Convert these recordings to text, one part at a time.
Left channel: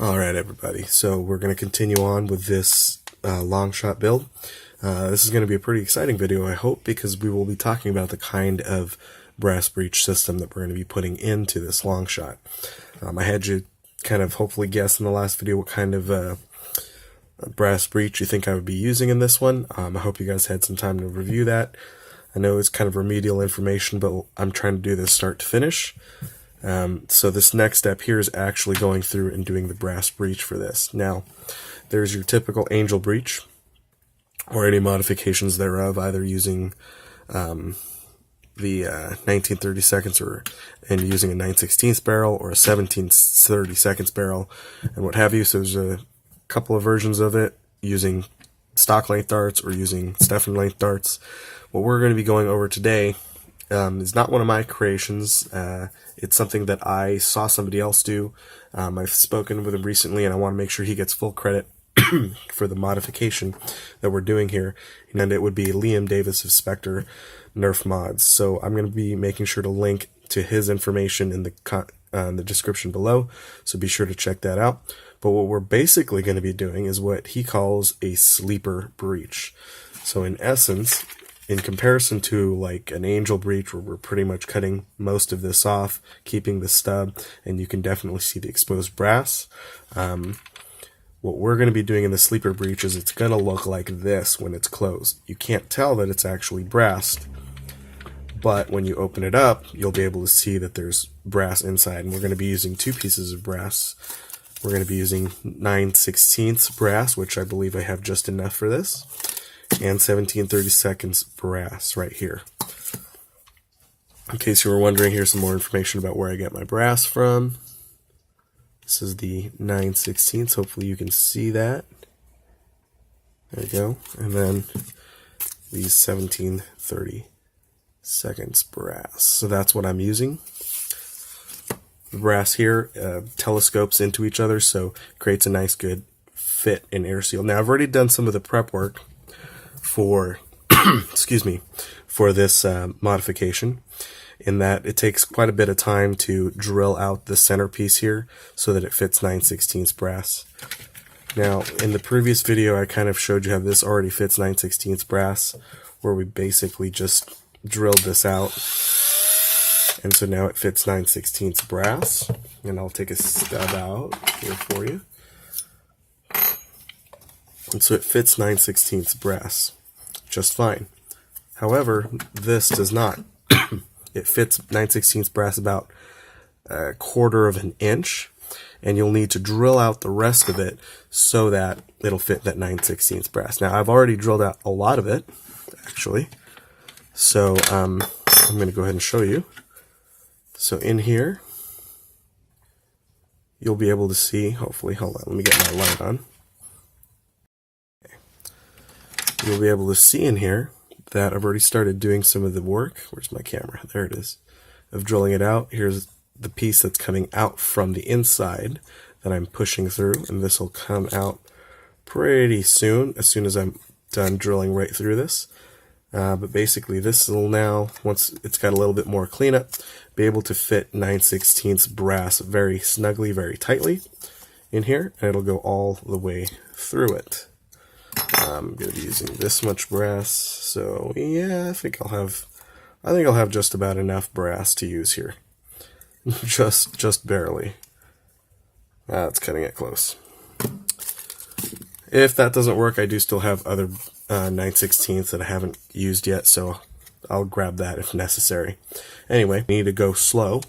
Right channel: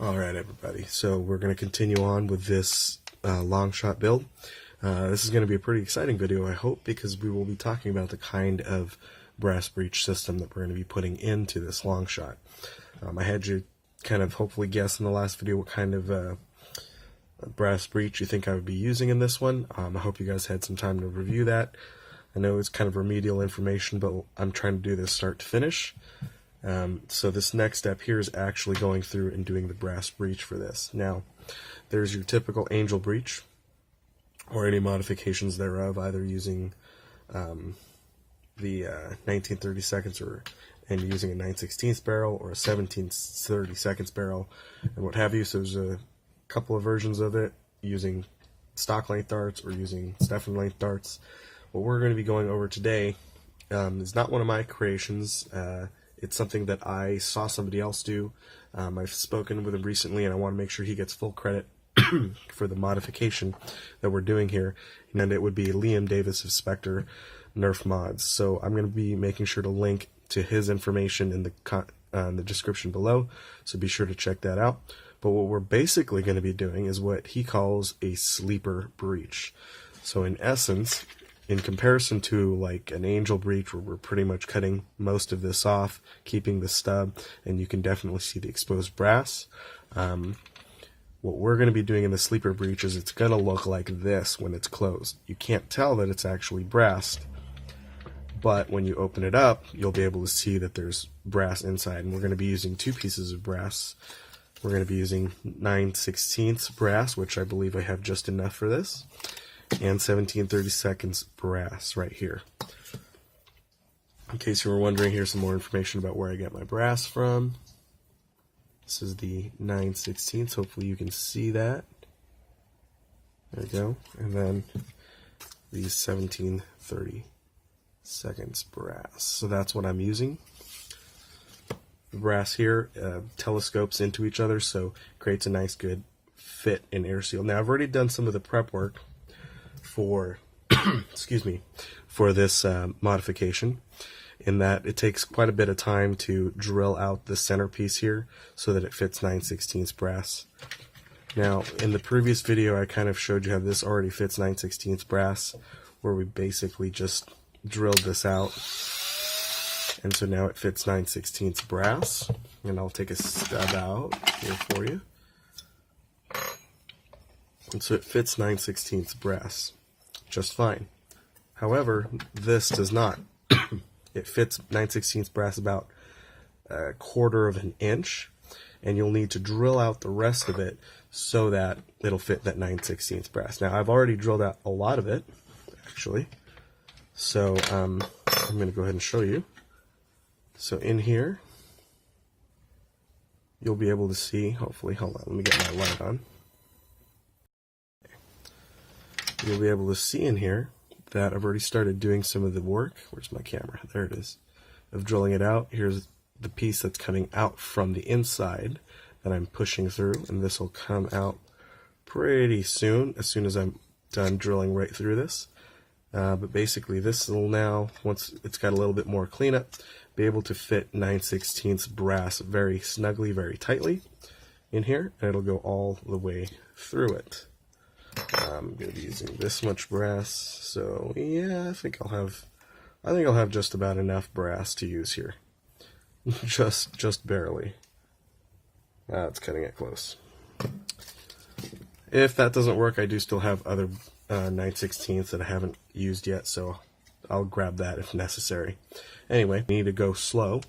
Alright everybody, so we're going to continue on with this Longshot build. This is going to be a pretty exciting video, I hope, because we will be talking about the kind of brass breech system that we're going to be putting into this Longshot. I had you kind of hopefully guess in the last video what kind of brass breech you think I would be using in this one. I hope you guys had some time to review that. I know it's kind of remedial information, but I'm trying to do this start to finish. So this next step here is actually going through and doing the brass breech for this. Now, there's your typical angel breech, or any modifications thereof, either using the 19/32 and using a 9/16 barrel or a 17/32 barrel and what have you. So there's a couple of versions of it using stock length darts or using Stefan length darts. What we're going to be going over today is not one of my creations. It's something that I saw somebody else do. I've spoken with him recently, and I want to make sure he gets full credit for the modification that we're doing here. And it would be Liam Davis of Spectre Nerf Mods. So I'm going to be making sure to link to his information in the description below, so be sure to check that out. But what we're basically going to be doing is what he calls a sleeper breech. So in essence, in comparison to like an angel breech where we're pretty much cutting most of this off, keeping the stub, and you can definitely see the exposed brass, what we're going to be doing in the sleeper breech is it's going to look like this when it's closed. You can't tell that it's actually brassed, but when you open it up, you'll be able to see that there's brass inside, and we're going to be using two pieces of brass. We're going to be using 9/16 brass, which I believe I have just enough for this, and 17/32 brass right here. In case you were wondering, here's some more information about where I get my brass from. This is the 9/16. Hopefully you can see that. There you go. And then these 17/32 brass. So that's what I'm using. The brass here telescopes into each other, so it creates a nice good fit and air seal. Now I've already done some of the prep work for excuse me, for this modification, in that it takes quite a bit of time to drill out the centerpiece here so that it fits 9/16 brass. Now in the previous video I kind of showed you how this already fits 9/16 brass, where we basically just drilled this out, and so now it fits 9/16 brass. And I'll take a stub out here for you. And so it fits 9/16 brass just fine. However, this does not. It fits 9/16 brass about 1/4 of an inch, and you'll need to drill out the rest of it so that it'll fit that 9/16 brass. Now I've already drilled out a lot of it, actually, so I'm going to go ahead and show you. So in here, you'll be able to see, hopefully, hold on, let me get my light on. You'll be able to see in here that I've already started doing some of the work. Where's my camera? There it is. Of drilling it out. Here's the piece that's coming out from the inside that I'm pushing through, and this will come out pretty soon, as soon as I'm done drilling right through this. But basically this will now, once it's got a little bit more cleanup, be able to fit 9/16 brass very snugly, very tightly in here, and it'll go all the way through it. I'm going to be using this much brass, so yeah, I think I'll have just about enough brass to use here. just barely. It's cutting it close. If that doesn't work, I do still have other 9/16 that I haven't used yet, so I'll grab that if necessary. Anyway, we need to go slow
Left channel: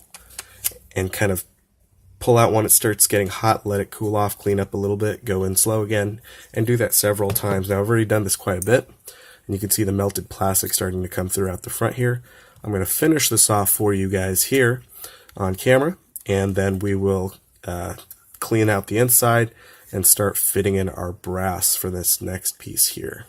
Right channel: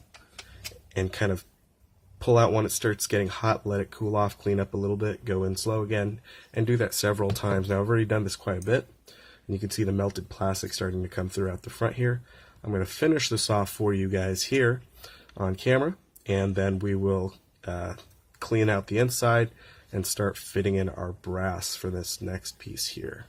and kind of pull out when it starts getting hot, let it cool off, clean up a little bit, go in slow again, and do that several times. Now I've already done this quite a bit, and you can see the melted plastic starting to come throughout the front here. I'm going to finish this off for you guys here on camera, and then we will clean out the inside and start fitting in our brass for this next piece here.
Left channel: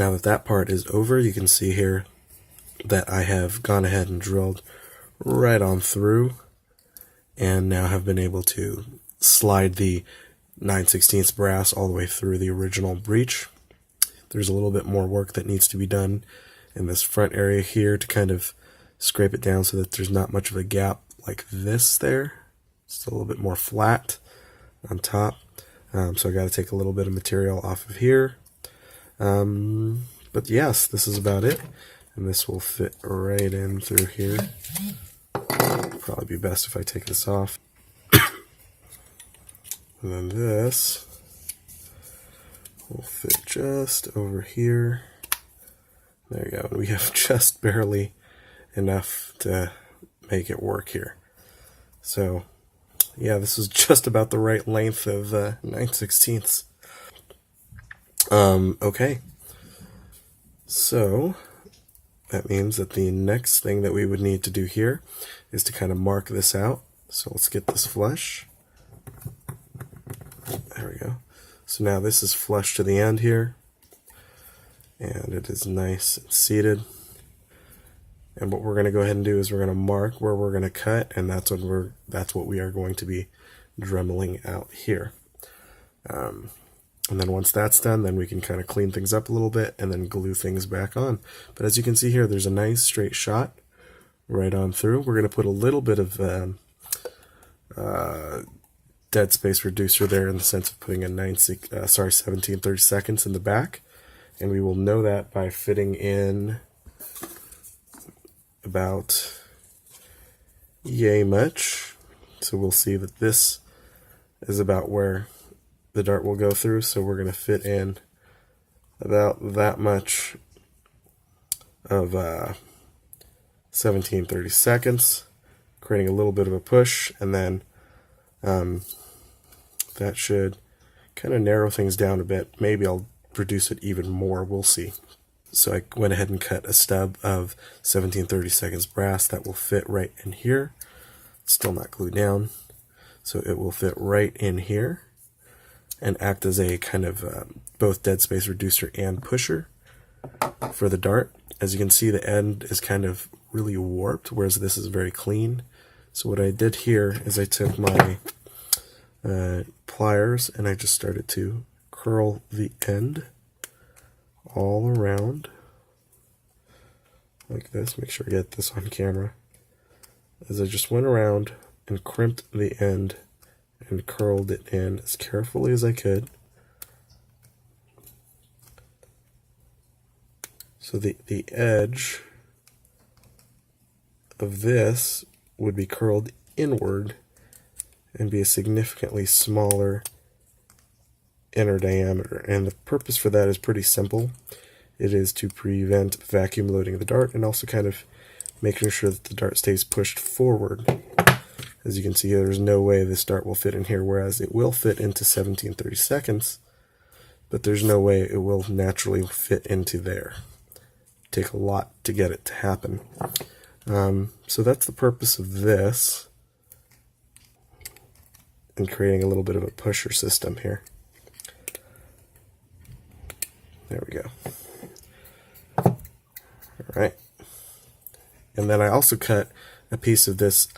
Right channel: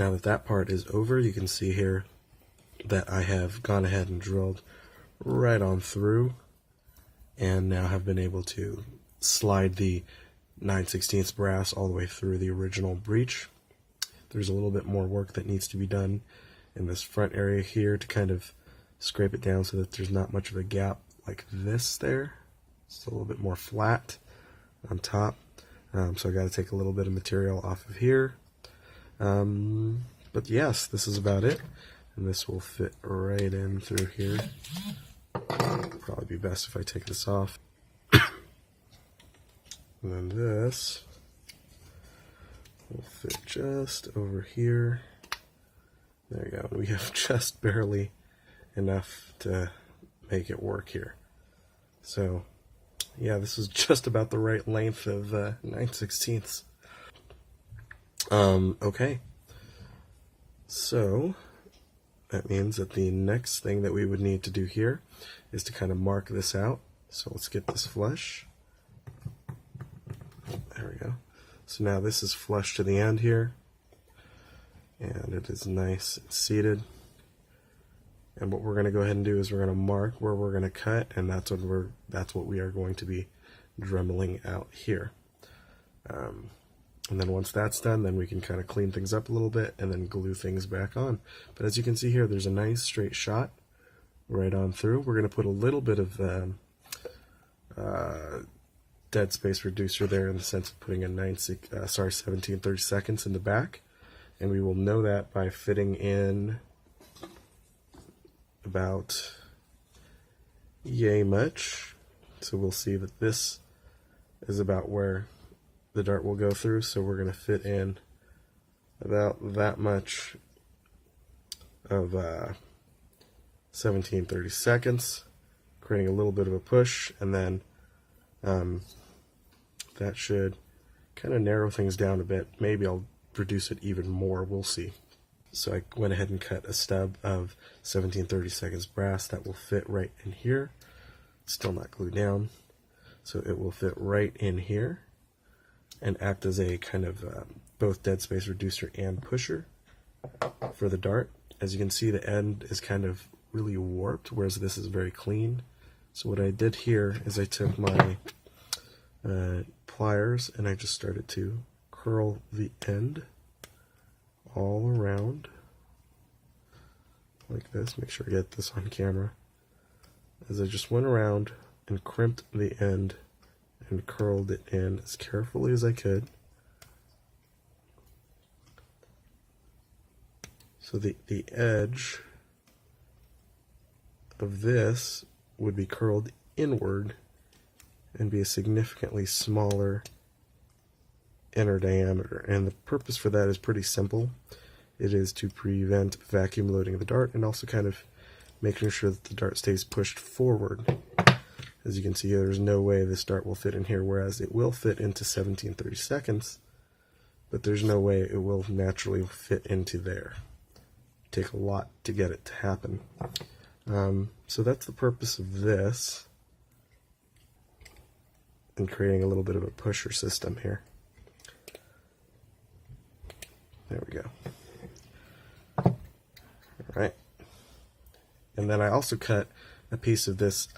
Now that that part is over, you can see here that I have gone ahead and drilled right on through, and now have been able to slide the 9/16 brass all the way through the original breech. There's a little bit more work that needs to be done in this front area here to kind of scrape it down so that there's not much of a gap like this there. It's a little bit more flat on top. So I've got to take a little bit of material off of here. But yes, this is about it. And this will fit right in through here. Probably be best if I take this off. And then this will fit just over here. There you go. We have just barely enough to make it work here. So yeah, this is just about the right length of 9/16. Okay. So that means that the next thing that we would need to do here is to kind of mark this out. So let's get this flush. There we go. So now this is flush to the end here, and it is nice and seated. And what we're going to go ahead and do is we're going to mark where we're going to cut, and that's what we are going to be dremeling out here. And then once that's done, then we can kind of clean things up a little bit and then glue things back on. But as you can see here, there's a nice straight shot right on through. We're going to put a little bit of dead space reducer there in the sense of putting a 17/32 in the back, and we will know that by fitting in about yay much. So we'll see that this is about where the dart will go through, so we're going to fit in about that much of 17/32, creating a little bit of a push, and then that should kind of narrow things down a bit. Maybe I'll reduce it even more, we'll see. So I went ahead and cut a stub of 17/32 brass that will fit right in here. It's still not glued down, so it will fit right in here and act as a kind of both dead space reducer and pusher for the dart. As you can see, the end is kind of really warped, whereas this is very clean. So what I did here is I took my pliers and I just started to curl the end all around like this. Make sure I get this on camera. As I just went around and crimped the end and curled it in as carefully as I could. So the edge of this would be curled inward and be a significantly smaller inner diameter. And the purpose for that is pretty simple. It is to prevent vacuum loading of the dart and also kind of making sure that the dart stays pushed forward. As you can see here, there's no way this dart will fit in here, whereas it will fit into 17/32, but there's no way it will naturally fit into there. It'll take a lot to get it to happen. So that's the purpose of this, and creating a little bit of a pusher system here. There we go. Alright. And then I also cut a piece of this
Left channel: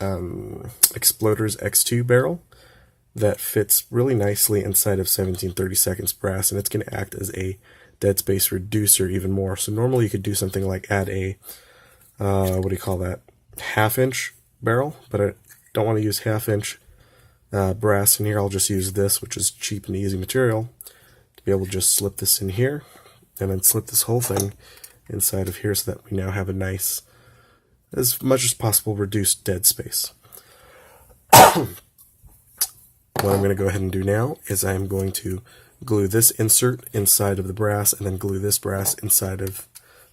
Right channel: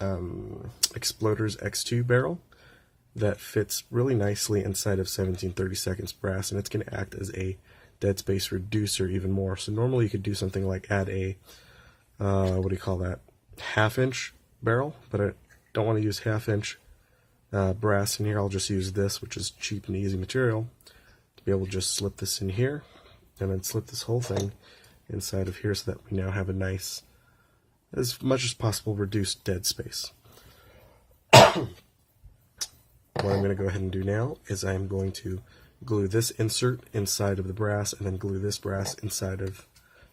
Exploder's X2 barrel that fits really nicely inside of 17/32 brass, and it's going to act as a dead space reducer even more. So normally you could do something like add a, what do you call that, half-inch barrel, but I don't want to use half-inch brass in here. I'll just use this, which is cheap and easy material, to be able to just slip this in here, and then slip this whole thing inside of here so that we now have a nice, as much as possible, reduced dead space. What I'm going to go ahead and do now is I'm going to glue this insert inside of the brass and then glue this brass inside of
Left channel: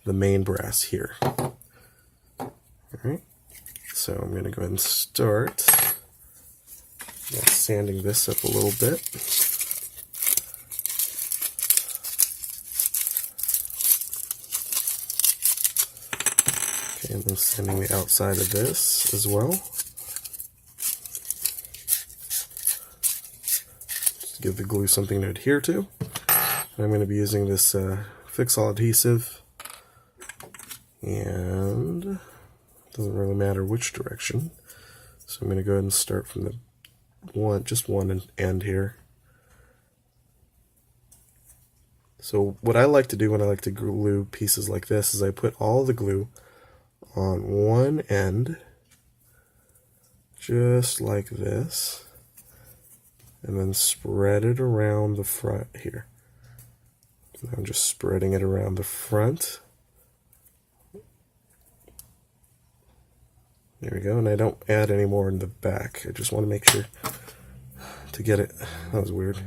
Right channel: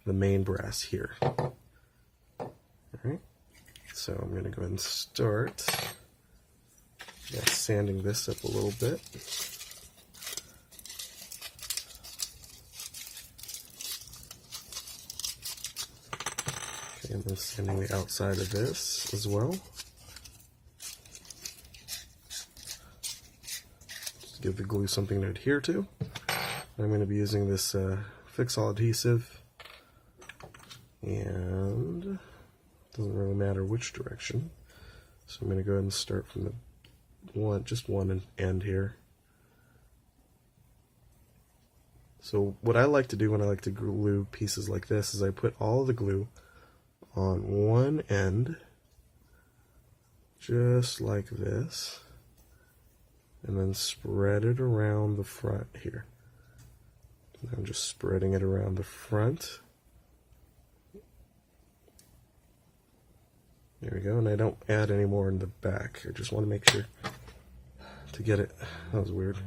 the main brass here. Alright, so I'm going to go ahead and start sanding this up a little bit. Okay, and then sanding the outside of this as well. Give the glue something to adhere to. And I'm going to be using this fix-all adhesive, and it doesn't really matter which direction. So I'm going to go ahead and start from the just one end here. So what I like to do when I like to glue pieces like this is I put all the glue on one end, just like this, and then spread it around the front here. So I'm just spreading it around the front. There we go, and I don't add any more in the back. I just want to make sure to get it. That was weird.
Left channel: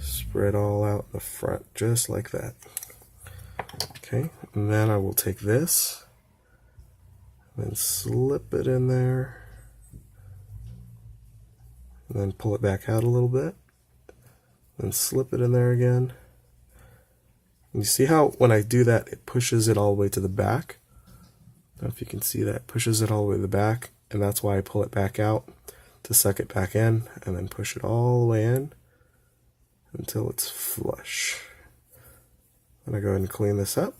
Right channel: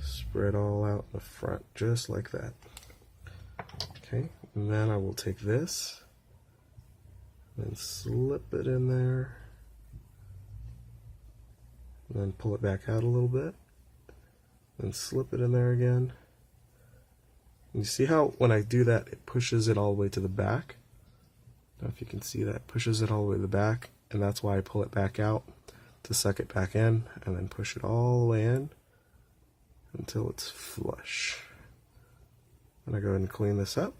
Spread all out the front, just like that. Okay, and then I will take this and slip it in there, and then pull it back out a little bit, and slip it in there again. And you see how when I do that, it pushes it all the way to the back? I don't know if you can see that. It pushes it all the way to the back, and that's why I pull it back out to suck it back in, and then push it all the way in until it's flush. I'm going to go ahead and clean this up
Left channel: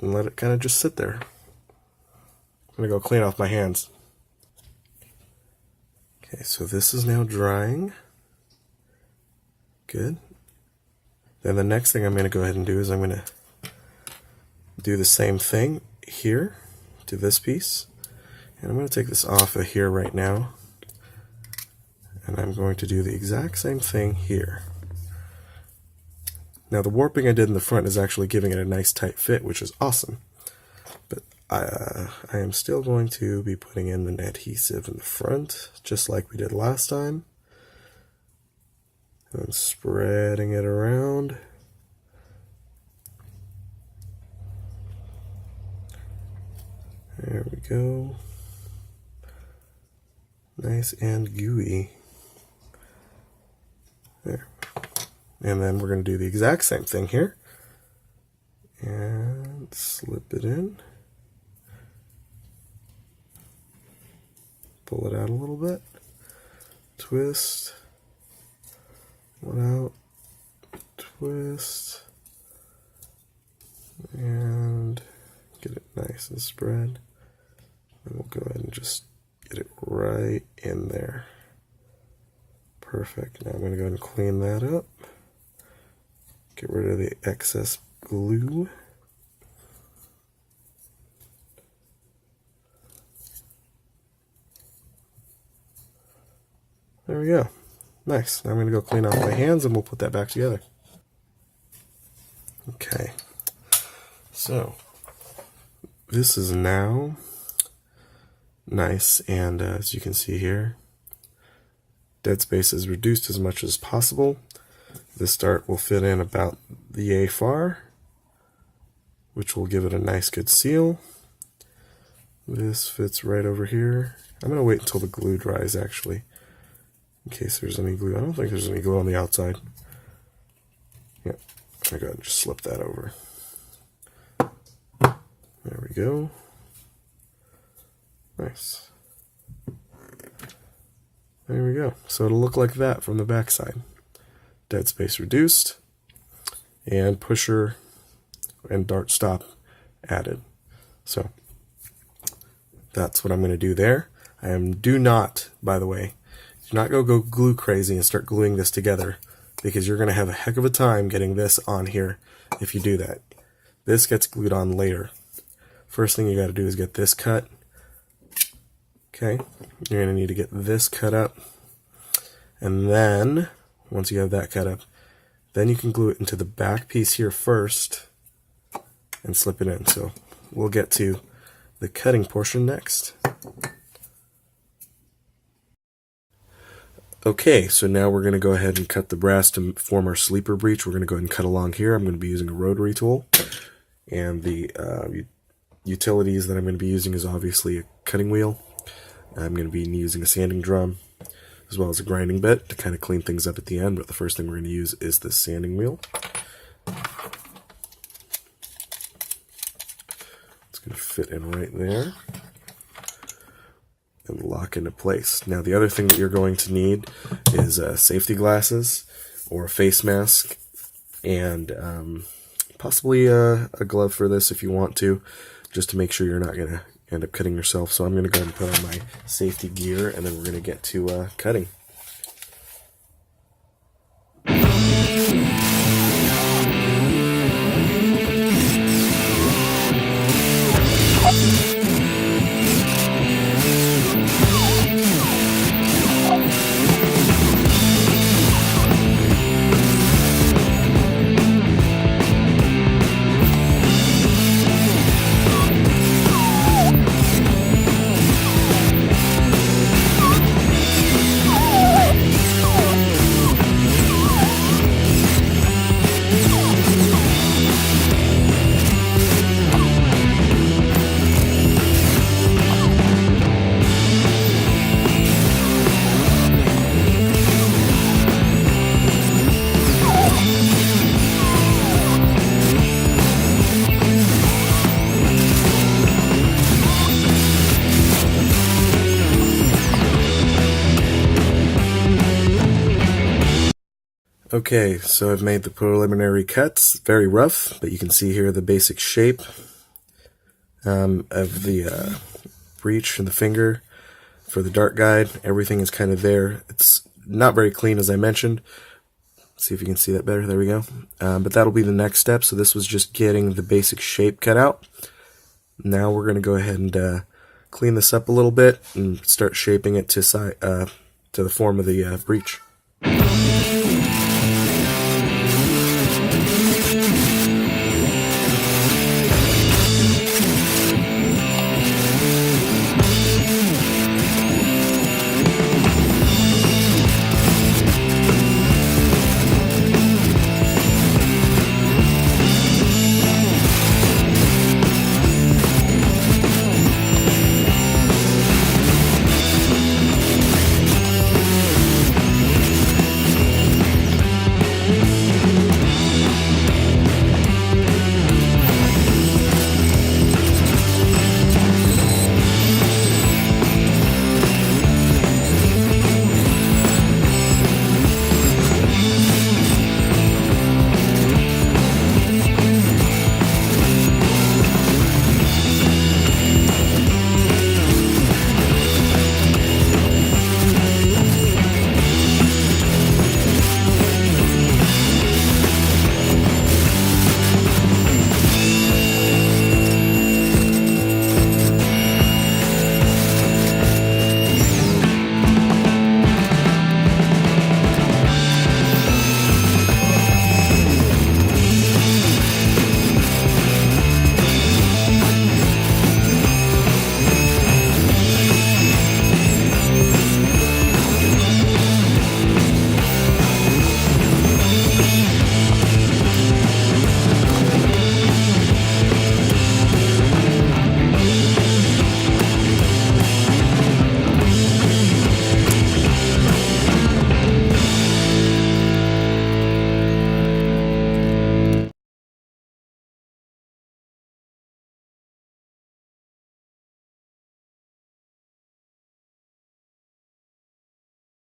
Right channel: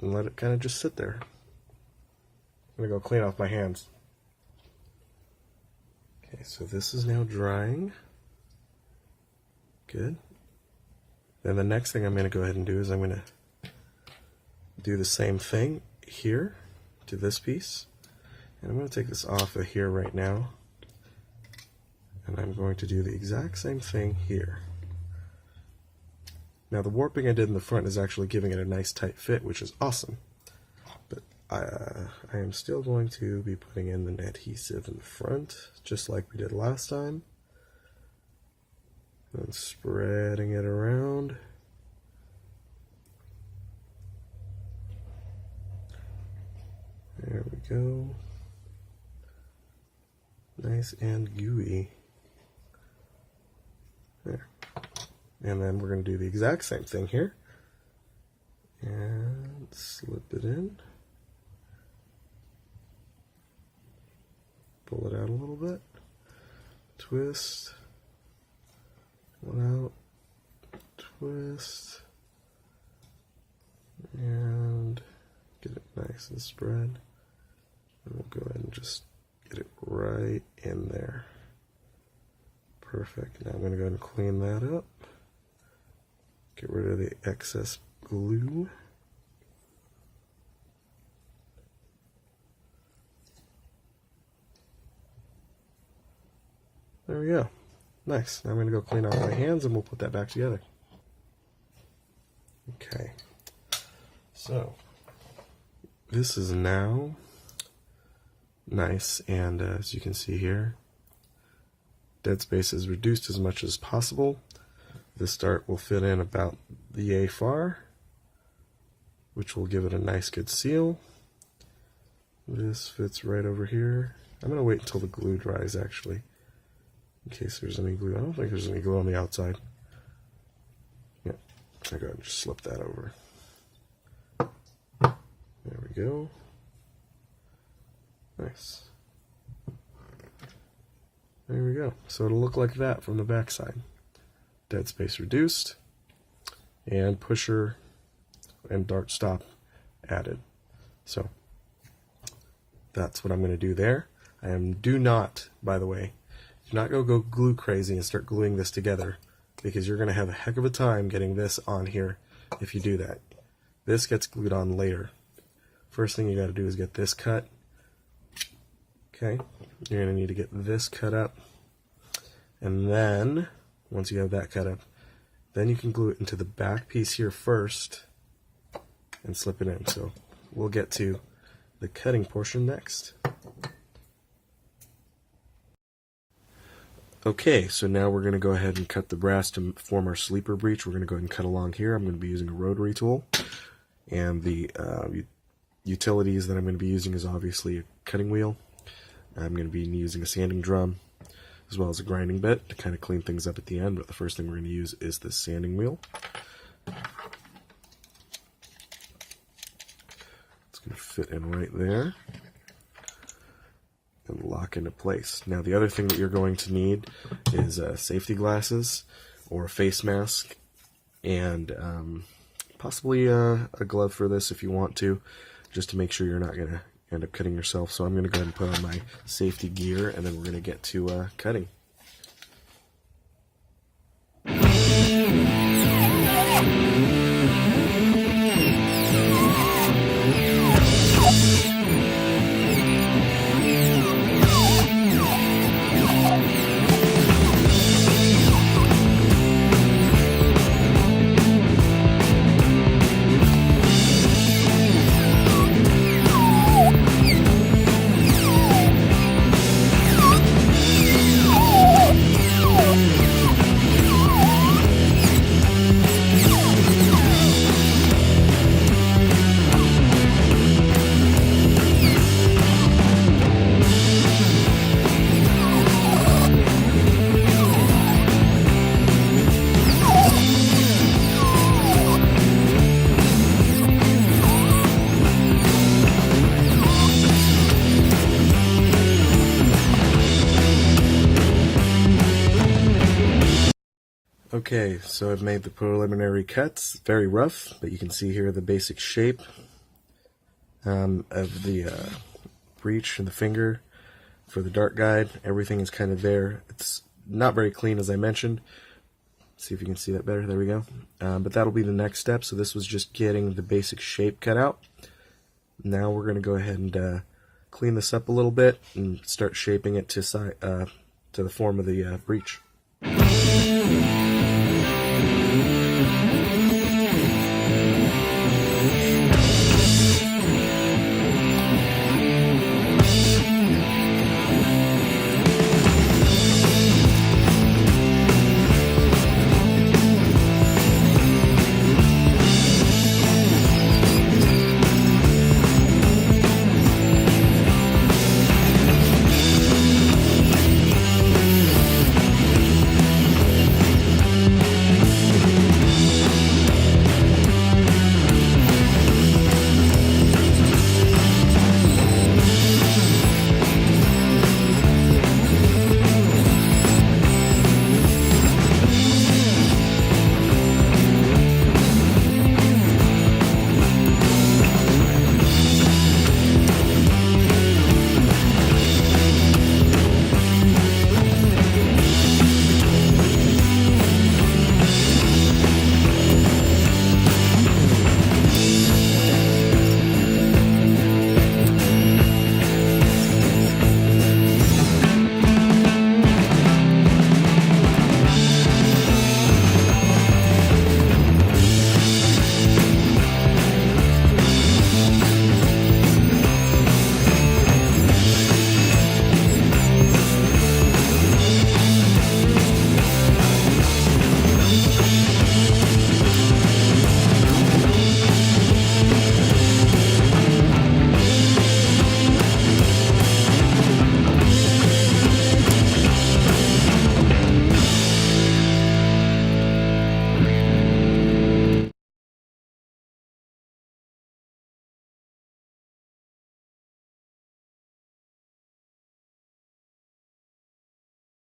and let it kind of just sit there. I'm going to go clean off my hands. Okay, so this is now drying. Good. Then the next thing I'm going to go ahead and do is I'm going to do the same thing here to this piece. And I'm going to take this off of here right now. And I'm going to do the exact same thing here. Now the warping I did in the front is actually giving it a nice tight fit, which is awesome. But I am still going to be putting in an adhesive in the front, just like we did last time. And I'm spreading it around. There we go. Nice and gooey. There. And then we're going to do the exact same thing here. And slip it in. Pull it out a little bit. Twist. One out. Twist. And get it nice and spread. And we'll go ahead and just get it right in there. Perfect. Now I'm going to go ahead and clean that up. Get rid of the excess glue. There we go. Nice. Now I'm going to go clean off my hands and we'll put that back together. Okay. So, this is now nice, and as you can see here, dead space is reduced as much as possible. This dart will fit in about the A-far, which will give it a nice good seal. This fits right over here. I'm going to wait until the glue dries actually, in case there's any glue. I don't think there's any glue on the outside. Yeah, I'm going to go ahead and just slip that over. There we go. Nice. There we go. So it'll look like that from the back side. Dead space reduced, and pusher and dart stop added. So that's what I'm going to do there. Do not, by the way, do not go glue crazy and start gluing this together, because you're going to have a heck of a time getting this on here if you do that. This gets glued on later. First thing you got to do is get this cut. Okay, you're going to need to get this cut up, and then once you have that cut up, then you can glue it into the back piece here first and slip it in. So we'll get to the cutting portion next. Okay, so now we're going to go ahead and cut the brass to form our sleeper breech. We're going to go ahead and cut along here. I'm going to be using a rotary tool, and the utilities that I'm going to be using is obviously a cutting wheel. I'm going to be using a sanding drum, as well as a grinding bit to kind of clean things up at the end, but the first thing we're going to use is the sanding wheel. It's going to fit in right there and lock into place. Now the other thing that you're going to need is safety glasses or a face mask and possibly a glove for this if you want to, just to make sure you're not going to end up cutting yourself. So I'm going to go ahead and put on my safety gear, and then we're going to get to cutting. Okay, so I've made the preliminary cuts, very rough, but you can see here the basic shape of the breech for the finger, for the dart guide. Everything is kind of there. It's not very clean, as I mentioned. Let's see if you can see that better. There we go. But that'll be the next step. So this was just getting the basic shape cut out. Now we're going to go ahead and clean this up a little bit and start shaping it to the form of the breech.